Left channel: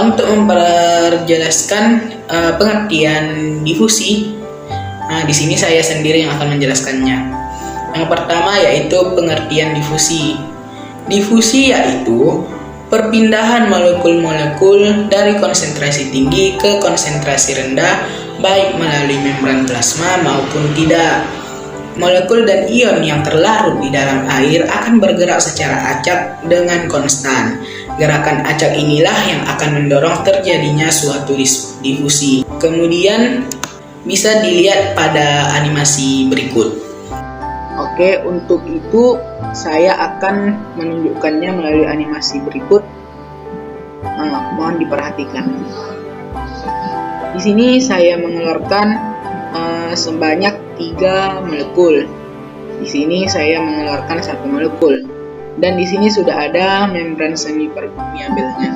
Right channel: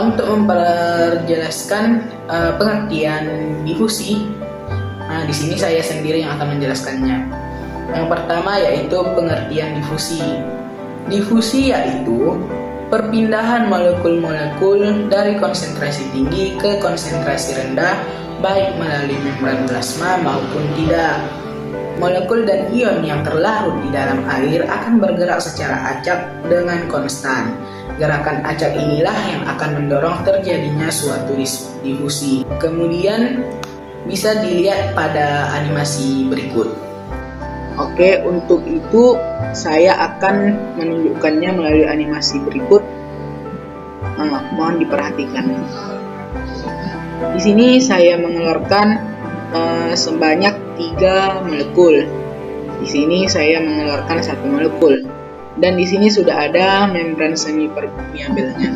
Untuk memperjelaskan pengertian difusi, di sini saya sendiri yang akan menjelaskannya. Yang pertama yaitu pengertian difusi. Difusi yaitu perpindahan molekul-molekul dari konsentrasi tinggi ke konsentrasi rendah, baik melalui membran plasma maupun tidak. Molekul dan ion yang terlarut di dalam air akan bergerak secara acak dengan konstan. Gerakan acak inilah yang akan mendorong terjadinya suatu difusi. Kemudian bisa dilihat pada animasi berikut. Oke, untuk itu saya akan menunjukkannya melalui animasi berikut. Mohon diperhatikan. Di sini saya mengeluarkan sebanyak 3 molekul. Di sini saya mengeluarkan 1 molekul. Dan di sini sudah ada membran semi permeabelnya.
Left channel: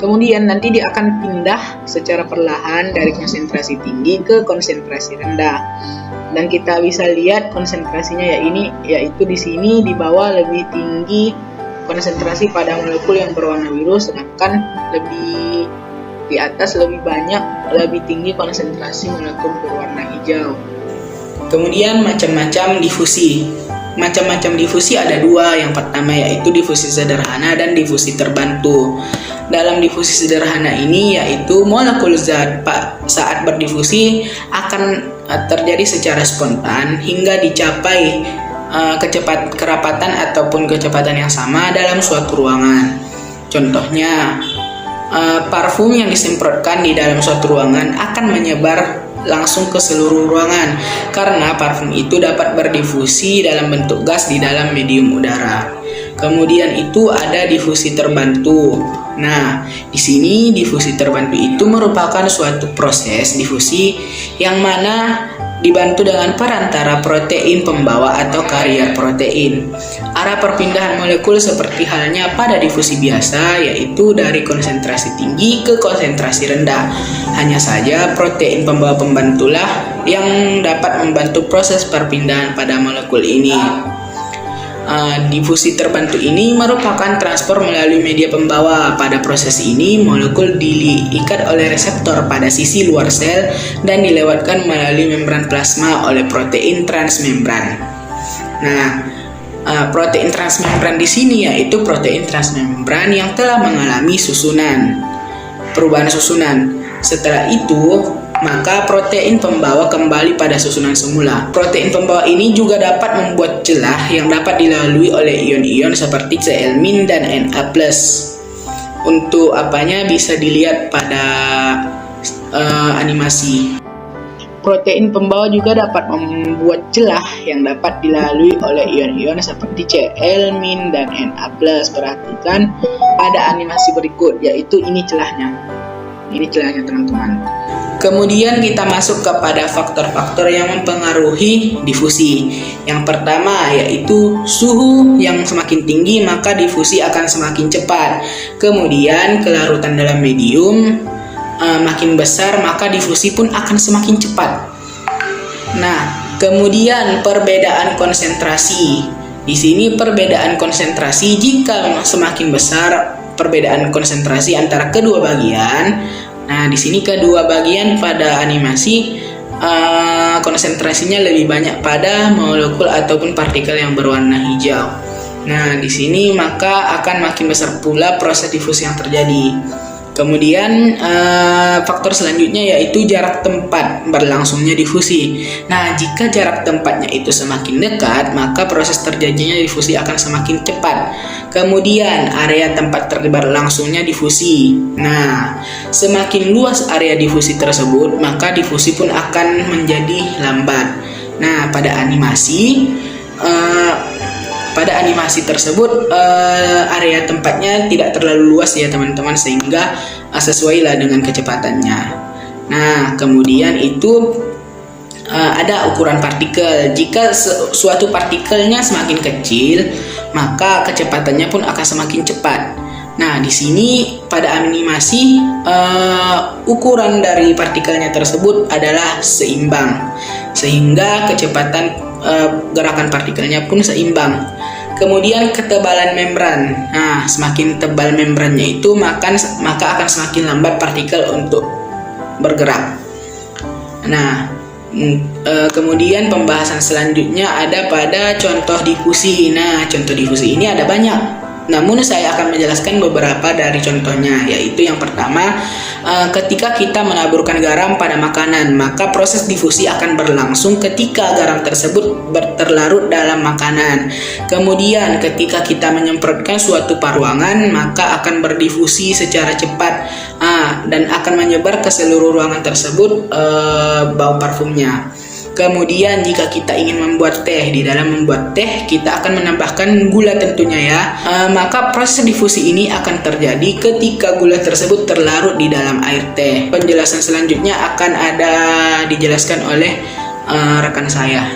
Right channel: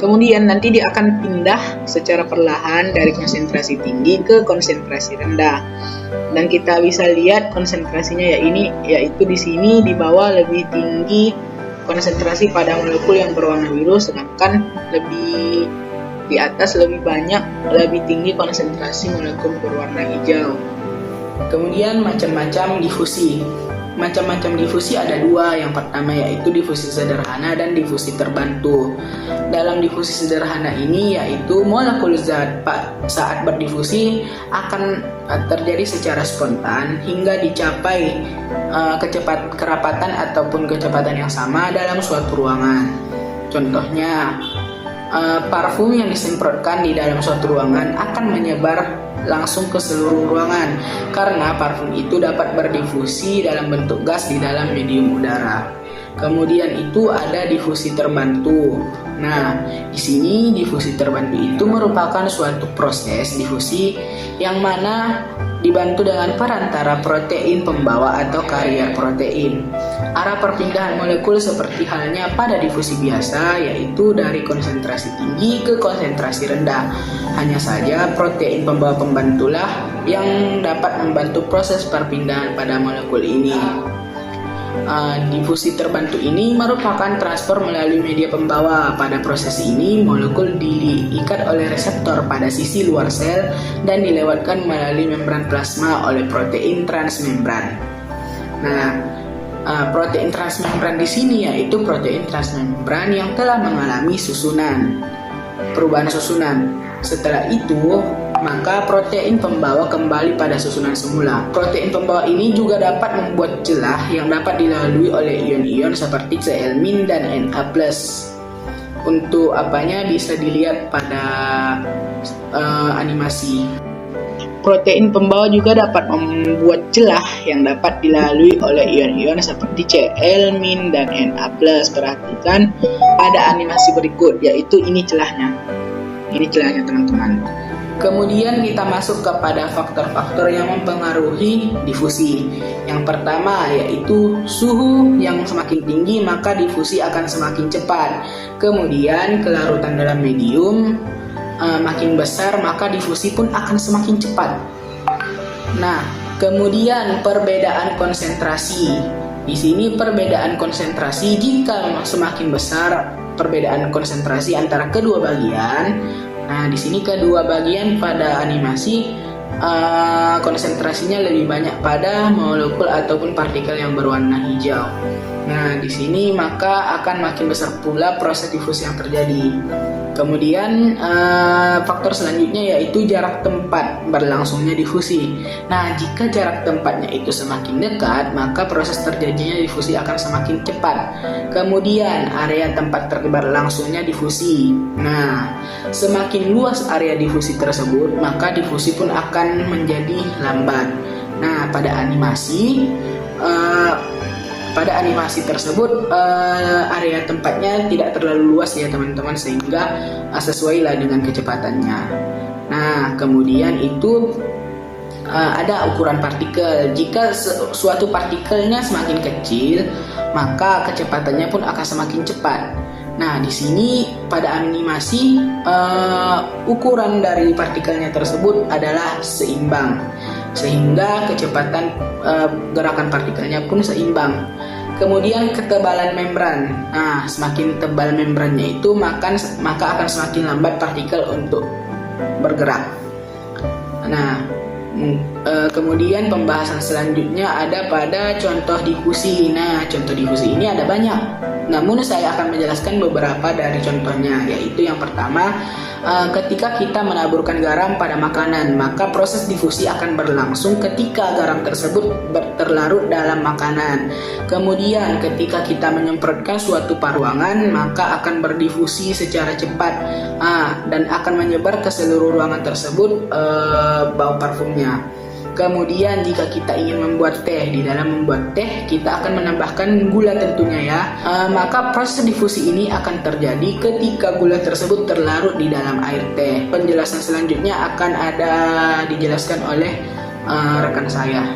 Kemudian nanti dia akan pindah secara perlahan dari konsentrasi tinggi ke konsentrasi rendah. Dan kita bisa lihat konsentrasinya yaitu di sini di bawah lebih tinggi konsentrasi pada molekul yang berwarna biru, sedangkan lebih di atas lebih tinggi konsentrasi molekul berwarna hijau. Kemudian macam-macam difusi. Macam-macam difusi ada 2. Yang pertama yaitu difusi sederhana dan difusi terbantu. Dalam difusi sederhana ini yaitu molekul zat saat berdifusi akan terjadi secara spontan hingga dicapai kerapatan ataupun kecepatan yang sama dalam suatu ruangan. Contohnya, parfum yang disemprotkan di dalam suatu ruangan akan menyebar langsung ke seluruh ruangan karena parfum itu dapat berdifusi dalam bentuk gas di dalam medium udara. Kemudian itu ada difusi terbantu. Nah, di sini difusi terbantu itu merupakan suatu proses difusi yang mana dibantu dengan perantara protein pembawa atau karier protein. Arah perpindahan molekul seperti halnya pada difusi biasa, yaitu dari konsentrasi tinggi ke konsentrasi rendah. Hanya saja protein pembawa pembantulah yang dapat membantu proses perpindahan pada molekul ini. Difusi terbantu ini merupakan transfer melalui media pembawa. Pada proses ini, molekul diikat oleh reseptor pada sisi luar sel dan dilewatkan melalui membran plasma oleh protein transmembran. Nah, protein transmembran di sini yaitu protein transmembran yang telah mengalami perubahan susunan. Setelah itu, maka protein pembawa kembali pada susunan semula. Protein pembawa ini juga dapat membuat celah yang dapat dilalui oleh ion-ion seperti Cl- dan Na+. Untuk apanya bisa dilihat pada animasi. Protein pembawa juga dapat membuat celah yang dapat dilalui oleh ion-ion seperti Cl- dan Na+. Perhatikan pada animasi berikut, yaitu ini celahnya. Ini celahnya, teman-teman. Kemudian kita masuk kepada faktor-faktor yang mempengaruhi difusi. Yang pertama yaitu suhu yang semakin tinggi maka difusi akan semakin cepat. Kemudian kelarutan dalam medium makin besar maka difusi pun akan semakin cepat. Nah, kemudian perbedaan konsentrasi. Di sini perbedaan konsentrasi jika semakin besar perbedaan konsentrasi antara kedua bagian. Nah, di sini kedua bagian pada animasi konsentrasinya lebih banyak pada molekul ataupun partikel yang berwarna hijau. Nah, di sini maka akan makin besar pula proses difusi yang terjadi. Kemudian faktor selanjutnya yaitu jarak tempat berlangsungnya difusi. Nah, jika jarak tempatnya itu semakin dekat, maka proses terjadinya difusi akan semakin cepat. Kemudian area tempat berlangsungnya difusi. Nah, semakin luas area difusi tersebut, maka difusi pun akan menjadi lambat. Nah, pada animasi tersebut area tempatnya tidak terlalu luas ya teman-teman, sehingga sesuailah dengan kecepatannya. Nah, kemudian itu ada ukuran partikel. Jika suatu partikelnya semakin kecil, maka kecepatannya pun akan semakin cepat. Nah, di sini pada animasi ukuran dari partikelnya tersebut adalah seimbang, sehingga kecepatan gerakan partikelnya pun seimbang. Kemudian ketebalan membran. Nah, semakin tebal membrannya itu maka akan semakin lambat partikel untuk bergerak. Nah, kemudian pembahasan selanjutnya ada pada contoh difusi. Nah, contoh difusi ini ada banyak. Namun saya akan menjelaskan beberapa dari contohnya, yaitu yang pertama, ketika kita menaburkan garam pada makanan, maka proses difusi akan berlangsung ketika garam tersebut terlarut dalam makanan. Kemudian ketika kita menyemprotkan suatu ruangan, maka akan berdifusi secara cepat dan akan menyebar ke seluruh ruangan tersebut bau parfumnya. Kemudian jika kita ingin membuat teh, di dalam membuat teh kita akan menambahkan gula tentunya ya. Maka proses difusi ini akan terjadi ketika gula tersebut terlarut di dalam air teh. Penjelasan selanjutnya akan ada dijelaskan oleh rekan saya.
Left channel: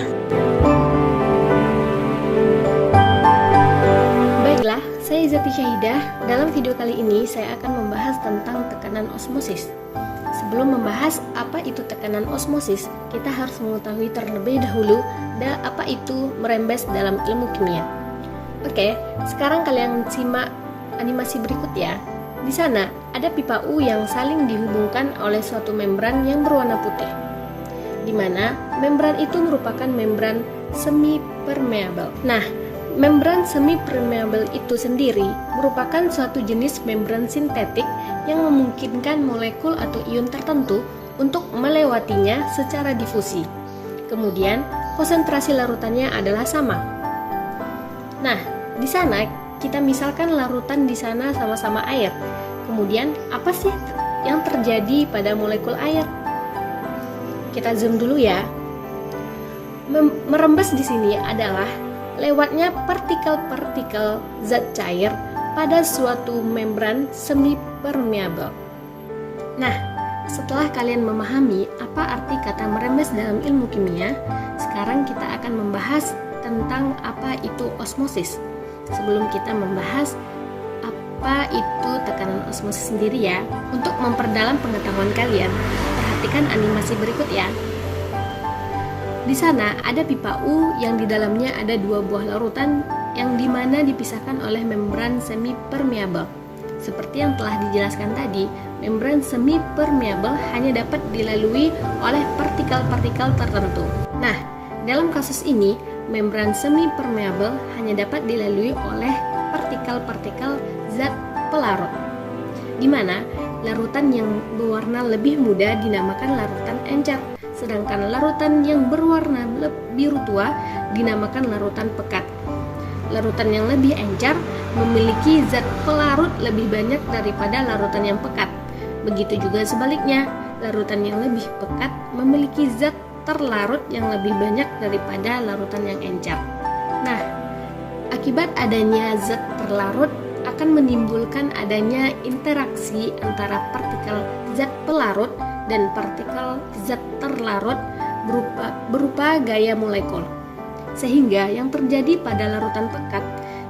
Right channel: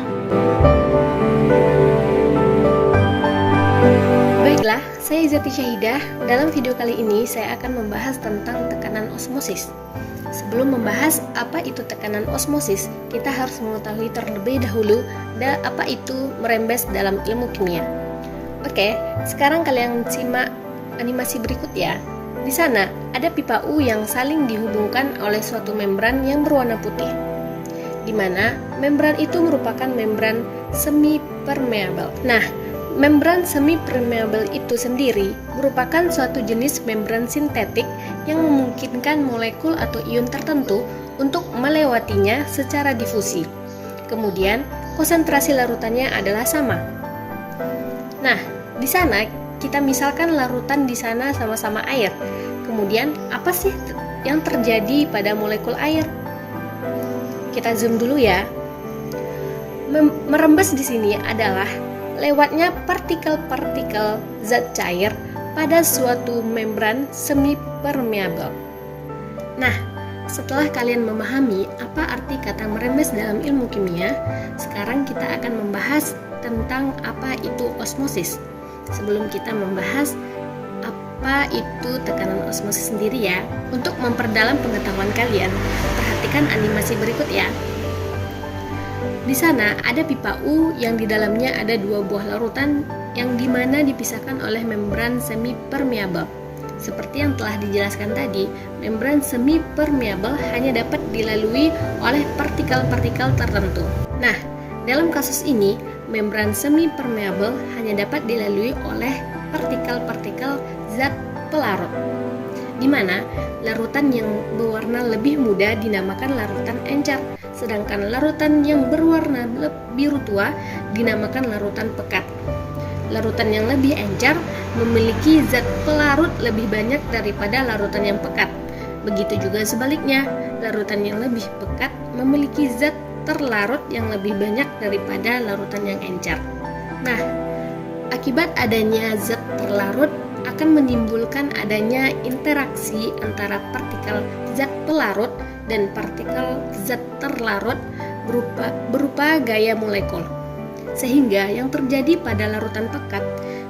Baiklah, saya Izati Syahidah. Dalam video kali ini saya akan membahas tentang tekanan osmosis. Sebelum membahas apa itu tekanan osmosis, kita harus mengetahui terlebih dahulu apa itu merembes dalam ilmu kimia. Oke, sekarang kalian simak animasi berikut ya. Di sana ada pipa U yang saling dihubungkan oleh suatu membran yang berwarna putih, di mana membran itu merupakan membran semi-permeable. Nah, membran semi-permeable itu sendiri merupakan suatu jenis membran sintetik yang memungkinkan molekul atau ion tertentu untuk melewatinya secara difusi. Kemudian, konsentrasi larutannya adalah sama. Nah, di sana kita misalkan larutan di sana sama-sama air. Kemudian, apa sih yang terjadi pada molekul air? Kita zoom dulu ya. Merembes di sini adalah lewatnya partikel-partikel zat cair pada suatu membran semi-permeable. Nah, setelah kalian memahami apa arti kata merembes dalam ilmu kimia, sekarang kita akan membahas tentang apa itu osmosis. Sebelum kita membahas apa itu tekanan osmosis sendiri ya, untuk memperdalam pengetahuan kalian, perhatikan animasi berikut ya. Di sana ada pipa U yang di dalamnya ada dua buah larutan yang dimana dipisahkan oleh membran semi-permeable. Seperti yang telah dijelaskan tadi, membran semi-permeable hanya dapat dilalui oleh partikel-partikel tertentu. Nah, dalam kasus ini, membran semi-permeable hanya dapat dilalui oleh partikel-partikel zat pelarut, di mana larutan yang berwarna lebih muda dinamakan larutan encer, sedangkan larutan yang berwarna biru tua dinamakan larutan pekat. Larutan yang lebih encer memiliki zat pelarut lebih banyak daripada larutan yang pekat. Begitu juga sebaliknya, larutan yang lebih pekat memiliki zat terlarut yang lebih banyak daripada larutan yang encer. Nah, akibat adanya zat terlarut akan menimbulkan adanya interaksi antara partikel zat pelarut dan partikel zat terlarut berupa gaya molekul. Sehingga yang terjadi pada larutan pekat,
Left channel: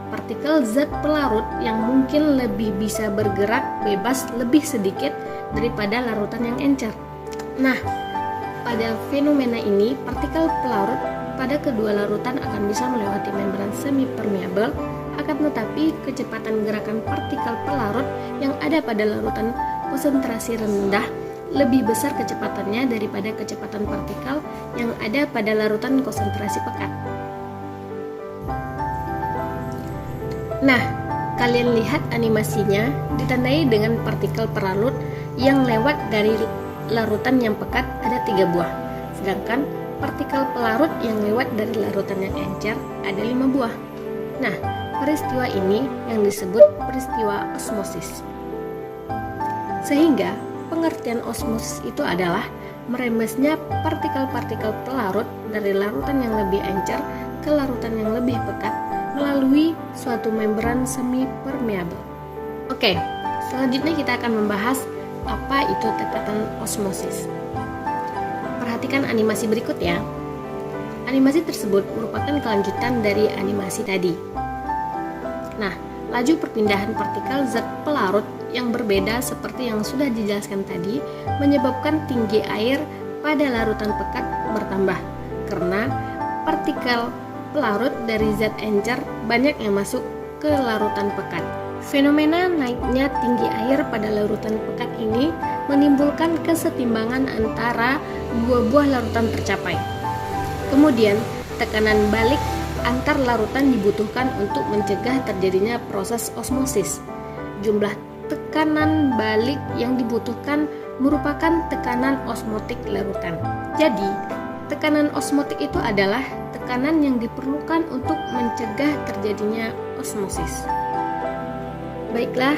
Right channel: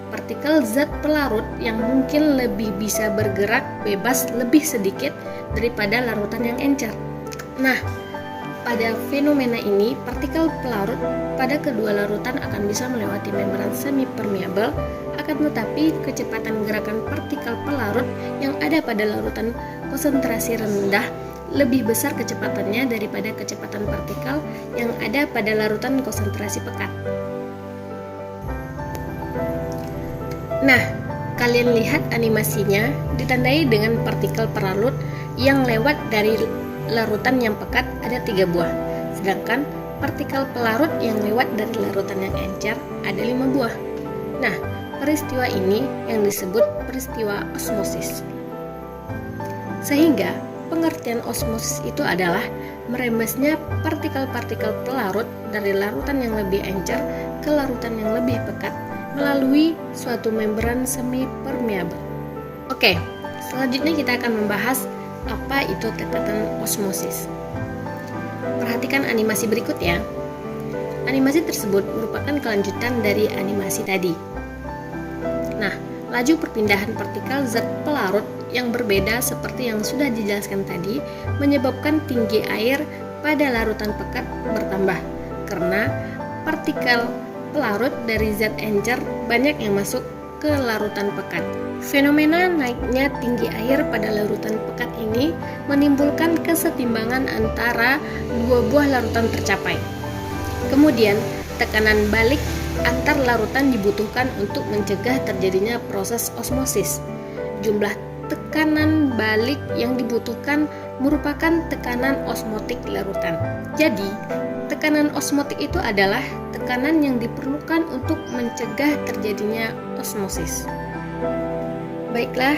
partikel zat pelarut yang mungkin lebih bisa bergerak bebas lebih sedikit daripada larutan yang encer. Nah, pada fenomena ini, partikel pelarut pada kedua larutan akan bisa melewati membran semi-permeable, akan tetapi kecepatan gerakan partikel pelarut yang ada pada larutan konsentrasi rendah lebih besar kecepatannya daripada kecepatan partikel yang ada pada larutan konsentrasi pekat. Nah, kalian lihat animasinya ditandai dengan partikel pelarut yang lewat dari larutan yang pekat ada 3 buah, sedangkan partikel pelarut yang lewat dari larutan yang encer ada 5 buah. Nah, peristiwa ini yang disebut peristiwa osmosis. Sehingga pengertian osmosis itu adalah merembesnya partikel-partikel pelarut dari larutan yang lebih encer ke larutan yang lebih pekat melalui suatu membran semi-permeable. Oke, selanjutnya kita akan membahas apa itu tekanan osmosis. Perhatikan animasi berikut ya. Animasi tersebut merupakan kelanjutan dari animasi tadi. Nah, laju perpindahan partikel zat pelarut yang berbeda seperti yang sudah dijelaskan tadi menyebabkan tinggi air pada larutan pekat bertambah karena partikel pelarut dari zat encer banyak yang masuk ke larutan pekat. Fenomena naiknya tinggi air pada larutan pekat ini menimbulkan kesetimbangan antara dua buah larutan tercapai. Kemudian, tekanan balik antar larutan dibutuhkan untuk mencegah terjadinya proses osmosis. Jumlah tekanan balik yang dibutuhkan merupakan tekanan osmotik larutan. Jadi, tekanan osmotik itu adalah tekanan yang diperlukan untuk mencegah terjadinya osmosis. Baiklah,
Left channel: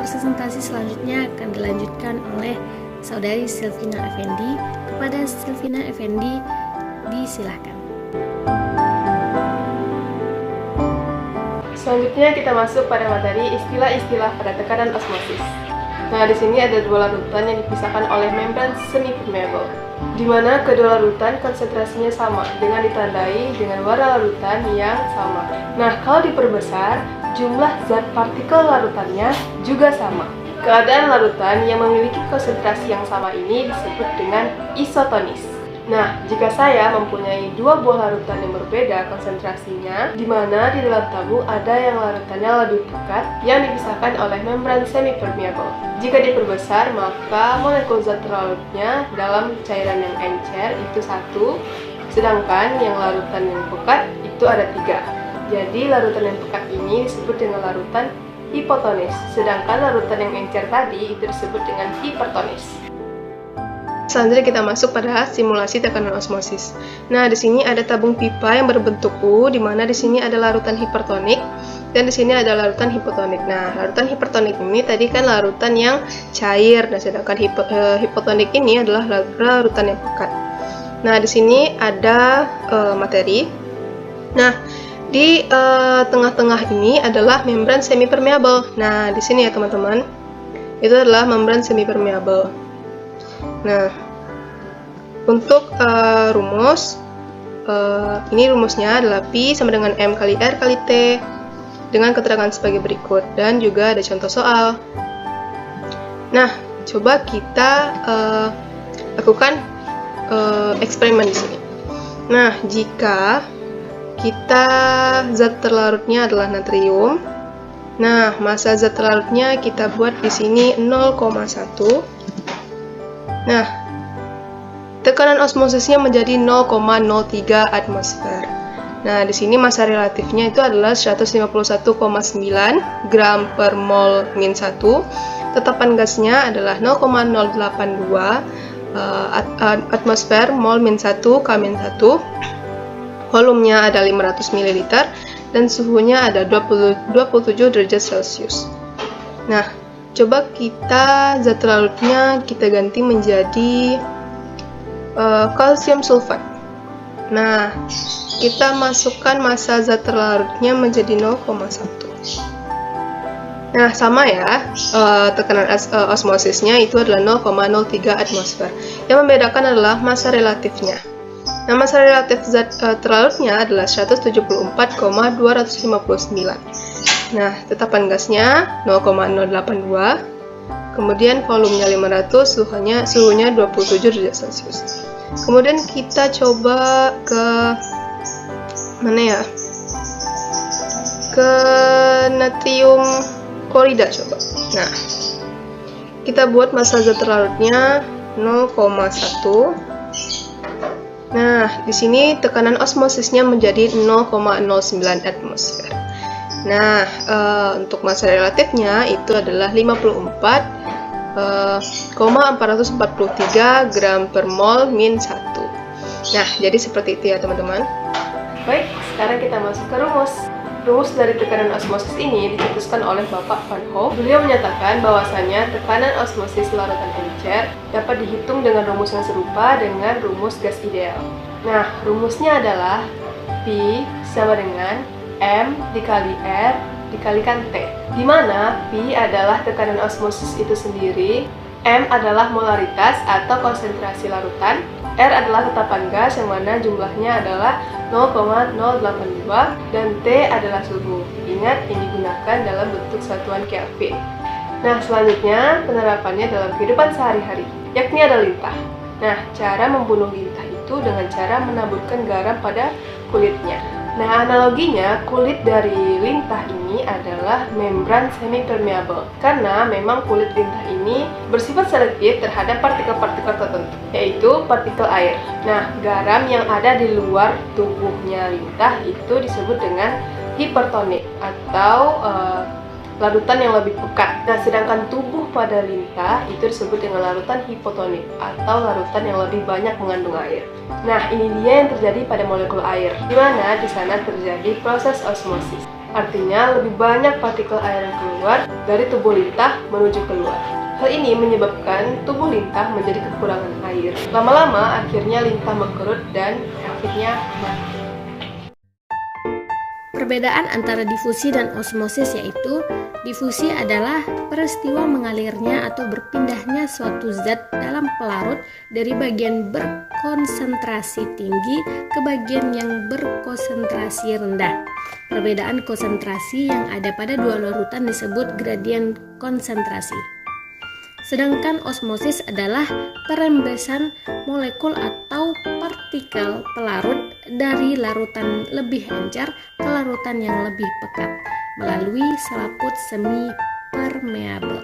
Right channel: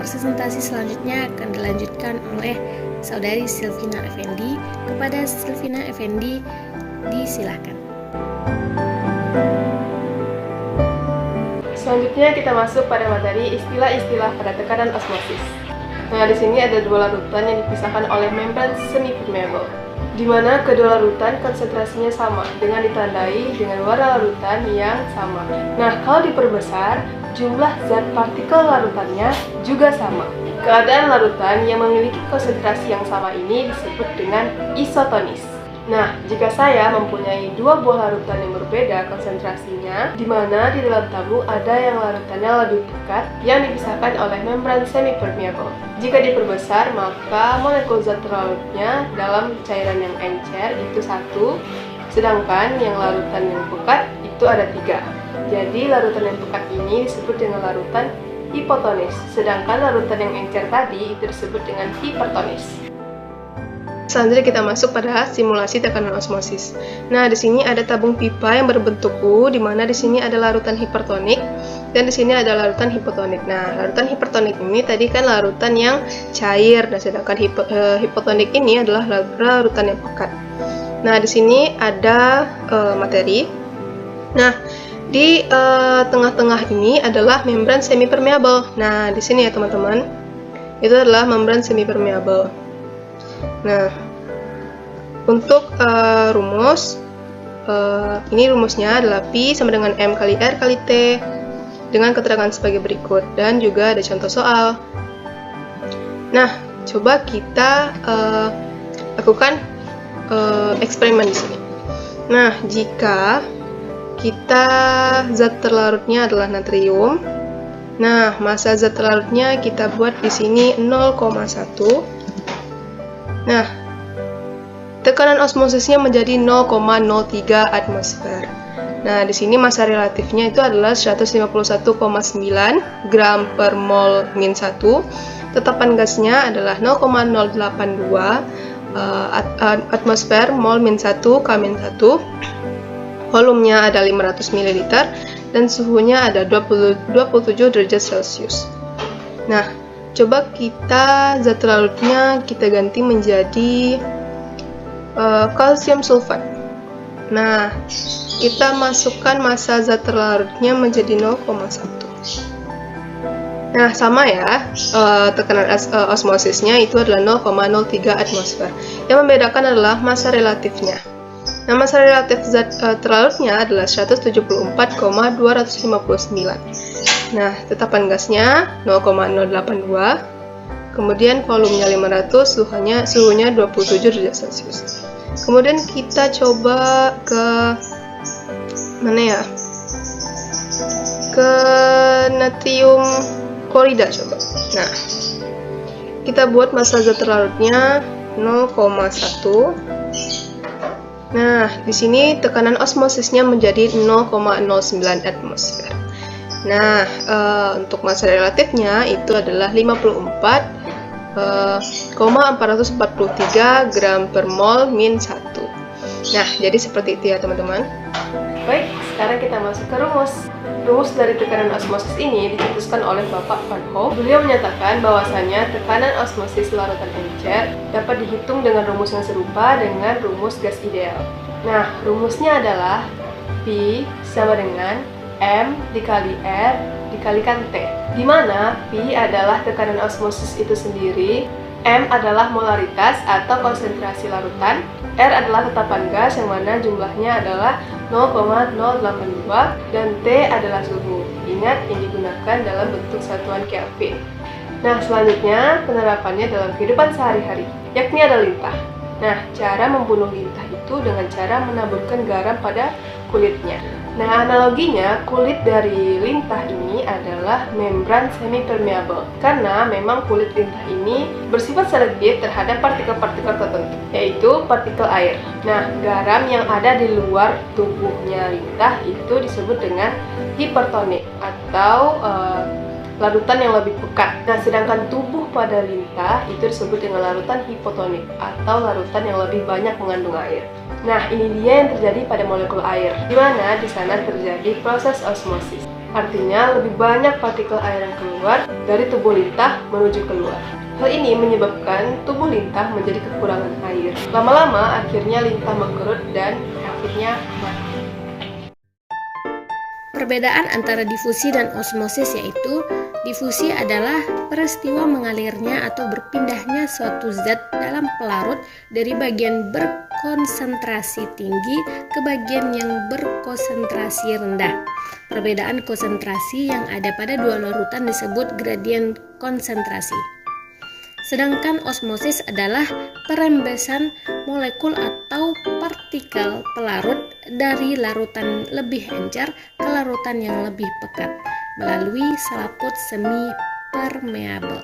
presentasi selanjutnya akan dilanjutkan oleh Saudari Silvina Effendi. Kepada Silvina Effendi, disilahkan. Selanjutnya kita masuk pada materi istilah-istilah pada tekanan osmosis. Nah, di sini ada dua larutan yang dipisahkan oleh membran semi-permeable, di mana kedua larutan konsentrasinya sama dengan ditandai dengan warna larutan yang sama. Nah, kalau diperbesar, jumlah zat partikel larutannya juga sama. Keadaan larutan yang memiliki konsentrasi yang sama ini disebut dengan isotonis. Nah, jika saya mempunyai dua buah larutan yang berbeda konsentrasinya, di mana di dalam tabung ada yang larutannya lebih dekat yang dipisahkan oleh membran semi-permeable. Jika diperbesar, maka molekul zat terlarutnya dalam cairan yang encer itu 1, sedangkan yang larutan yang pekat itu ada 3. Jadi, larutan yang pekat ini disebut dengan larutan hipotonis, sedangkan larutan yang encer tadi itu disebut dengan hipertonis. Selanjutnya kita masuk pada simulasi tekanan osmosis. Nah, di sini ada tabung pipa yang berbentuk U, di mana di sini ada larutan hipertonik dan di sini ada larutan hipotonik. Nah, larutan hipertonik ini tadi kan larutan yang cair, dan sedangkan hipotonik ini adalah larutan yang pekat. Nah, di sini ada materi. Nah, di tengah-tengah ini adalah membran semi-permeable. Nah, di sini ya teman-teman, itu adalah membran semi-permeable. Nah, untuk rumus, ini rumusnya adalah Pi sama dengan M kali R kali T dengan keterangan sebagai berikut, dan juga ada contoh soal. Nah, coba kita lakukan eksperimen di sini. Nah, jika kita zat terlarutnya adalah natrium, nah massa zat terlarutnya kita buat di sini 0,1. Nah, tekanan osmosisnya menjadi 0,03 atmosfer. Nah, di sini massa relatifnya itu adalah 151,9 gram per mol min 1. Tetapan gasnya adalah 0,082 atmosfer mol min 1 K min 1. Volumenya ada 500 ml dan suhunya ada 27 derajat Celcius. Nah, coba kita zat larutnya kita ganti menjadi kalsium sulfat. Nah, kita masukkan massa zat larutnya menjadi 0,1. Nah, sama ya, tekanan osmosisnya itu adalah 0,03 atmosfer. Yang membedakan adalah massa relatifnya. Nah, massa relatif zat terlarutnya adalah 174,259. Nah, tetapan gasnya 0,082, kemudian volumenya 500, suhunya 27 derajat Celcius. Kemudian kita coba ke mana ya? Ke natrium klorida coba. Nah, kita buat massa zat terlarutnya 0,1. Nah, di sini tekanan osmosisnya menjadi 0,09 atmosfer. Nah, untuk massa relatifnya itu adalah 54,443 gram per mol min 1. Nah, jadi seperti itu ya teman-teman. Baik, sekarang kita masuk ke rumus. Rumus dari tekanan osmosis ini dicetuskan oleh Bapak Van Hoff. Beliau menyatakan bahwasanya tekanan osmosis larutan encer dapat dihitung dengan rumus yang serupa dengan rumus gas ideal. Nah, rumusnya adalah Pi sama dengan M dikali R dikalikan T, di mana Pi adalah tekanan osmosis itu sendiri, M adalah molaritas atau konsentrasi larutan, R adalah tetapan gas yang mana jumlahnya adalah 0,082 dan T adalah suhu. Ingat, ini digunakan dalam bentuk satuan Kelvin. Nah, selanjutnya penerapannya dalam kehidupan sehari-hari, yakni ada lintah. Nah, cara membunuh lintah itu dengan cara menaburkan garam pada kulitnya. Nah, analoginya kulit dari lintah ini adalah membran semi-permeable karena memang kulit lintah ini bersifat selektif terhadap partikel-partikel tertentu, yaitu partikel air. Nah, garam yang ada di luar tubuhnya lintah itu disebut dengan hipertonik atau larutan yang lebih pekat. Nah, sedangkan tubuh pada lintah itu disebut dengan larutan hipotonik atau larutan yang lebih banyak mengandung air. Nah, ini dia yang terjadi pada molekul air, di mana di sana terjadi proses osmosis. Artinya, lebih banyak partikel air yang keluar dari tubuh lintah menuju keluar. Hal ini menyebabkan tubuh lintah menjadi kekurangan air. Lama-lama, akhirnya lintah mengkerut dan akhirnya mati. Perbedaan antara difusi dan osmosis yaitu difusi adalah peristiwa mengalirnya atau berpindahnya suatu zat dalam pelarut dari bagian berkonsentrasi tinggi ke bagian yang berkonsentrasi rendah. Perbedaan konsentrasi yang ada pada dua larutan disebut gradien konsentrasi. Sedangkan osmosis adalah perembesan molekul atau partikel pelarut dari larutan lebih encer ke larutan yang lebih pekat melalui selaput semi permeable.